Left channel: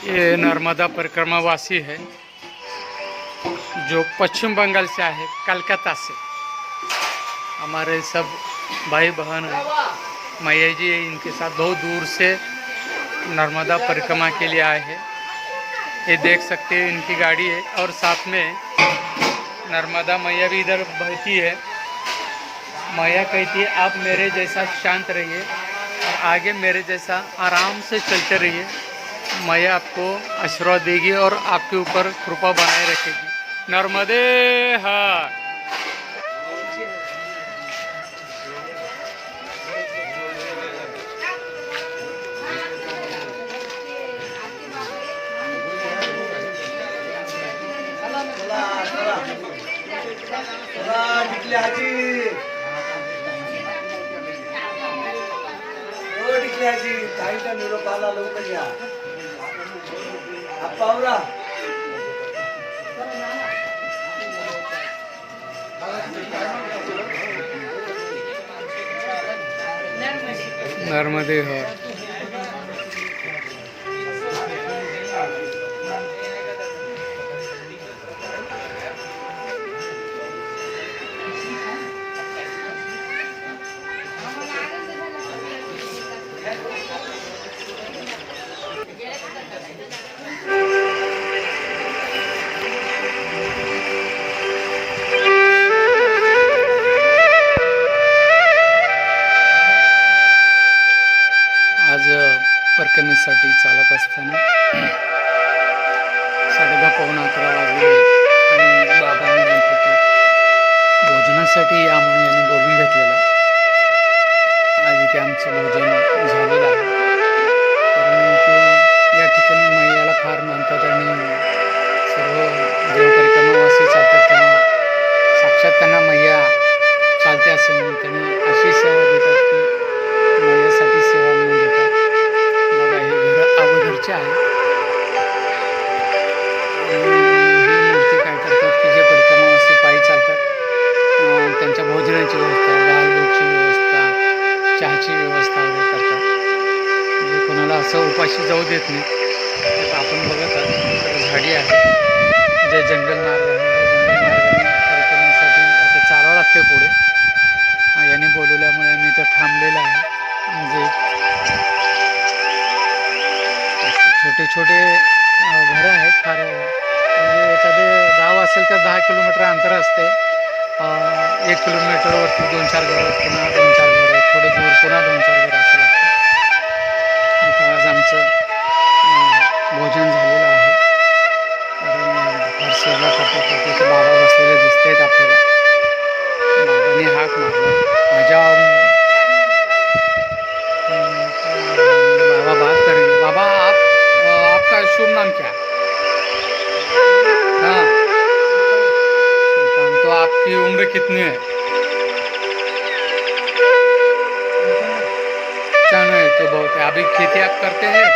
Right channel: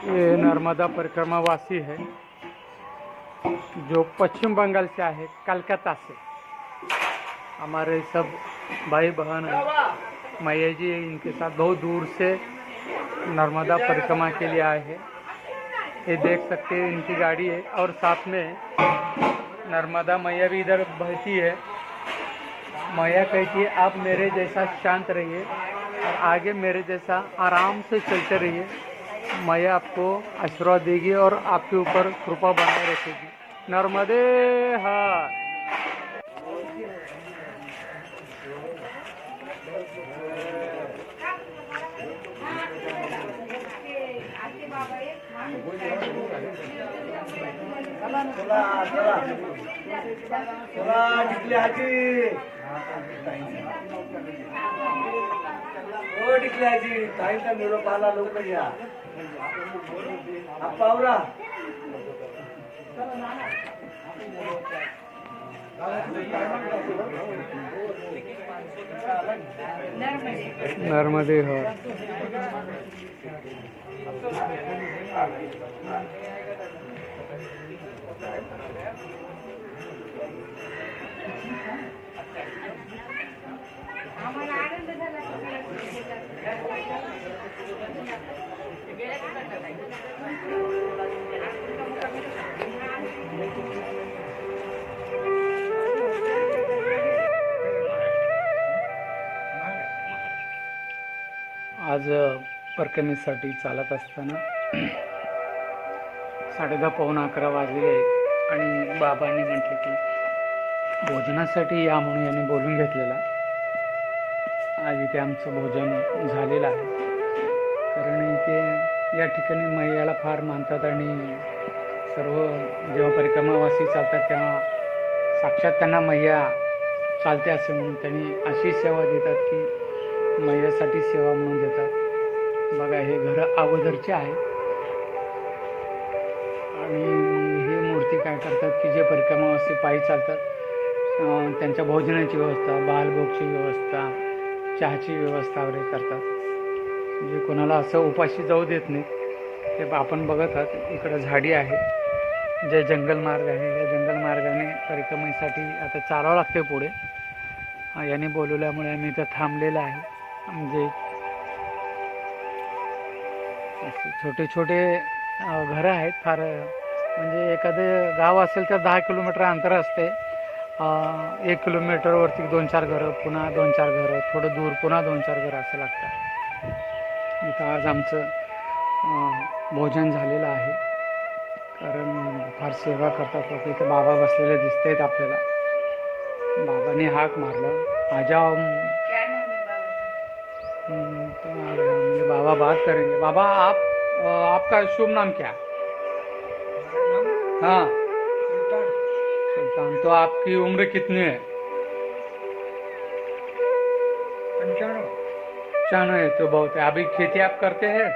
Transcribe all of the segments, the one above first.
ये नर्मदा परिक्रमावासी है, जो पश्चिम बंगाल से आए कलकत्ता से। हमारे सब भाई बहन मैया जी, इनके साथ बहुत दूर से नर्मदा परिक्रमा के लिए आए हैं। ये देख सकते हैं, इनकी गाड़ी है और साथ में नर्मदा मैया भी इधर बहती है। मैया कहती है, आप मेरे जैसा शांत रहिए और आगे मेरे जैसा आराम से चलते रहिए। मैया आपको आशीर्वाद देगी और आपके ऊपर कृपा बनाए रखेगी। नर्मदे हर चला हो टिकली आजी निरोप आला लवकर या. पावरा. नर्मदे हर आज परकमेसाठी चालत असताना साडेदहा पावणे अकरा वाजले आणि बाबांनी म्हटलं की भोजनासाठी या म्हणून यांनी बोलून घेतलेला. आज इथे आमचं भोजन झालेलं आहे. कारण इथे या ठिकाणी मैयाला फार मानतात आणि सर्व जेव्हा चालतात त्यांना साक्षात त्यांना मैया चालते असे म्हणून त्यांनी अशी सेवा देतात की मैयासाठी सेवा म्हणजे देतात. बघा हे घर अगोदरचे आहे. आणि ही मूर्ती काय करतात की जे परिक्रमावासी पायी चालतात. त्यांच्या भोजनाची व्यवस्था बालभोगची व्यवस्था चहाची व्यवस्था वगैरे करतात. म्हणजे कोणाला असं उपाशी जाऊ देत नाही. तर आपण बघत आहात इकडे झाडी आहे. जे जंगल मार्ग आहे या जंगल मार्गाने परिक्रमेसाठी आता चालावं लागते पुढे. याने बोलवल्यामुळे मी इथं थांबलेलं आहे. म्हणजे छोटे छोटे घरं आहेत. फार म्हणजे एखादे गाव असेल तर दहा किलोमीटर अंतर असते. एक किलोमीटरवरती दोन चार घरं पुन्हा दोन चार घरं थोडं दूर पुन्हा दोन चार घरं असं लागतं. इथं आज आमचं भोजन झालेलं आहे. कारण फार सेवा करतात. तिथे बाबा बसलेले दिसत आहेत आपल्याला. बाबांनी हाक मारला. माझ्या बाबा बात करेंगे। बाबा आप आपका शुभ नाम क्या? हाँ। सुल्तान तो आपकी उम्र कितनी है? चाण है तो बहुत है। अभी खेती आप करते हैं?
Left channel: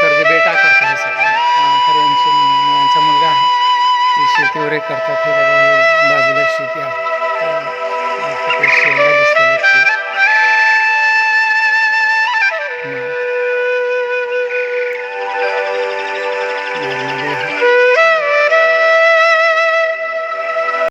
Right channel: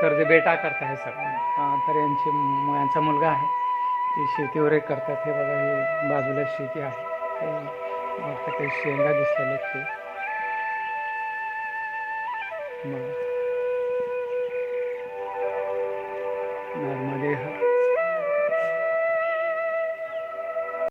करते बेटा करता है सर हाँ, तर यांचे मुलगा आहे ते शेती वगैरे करतात हे बघा हे बाजूला शेती आहे शेंगा Yani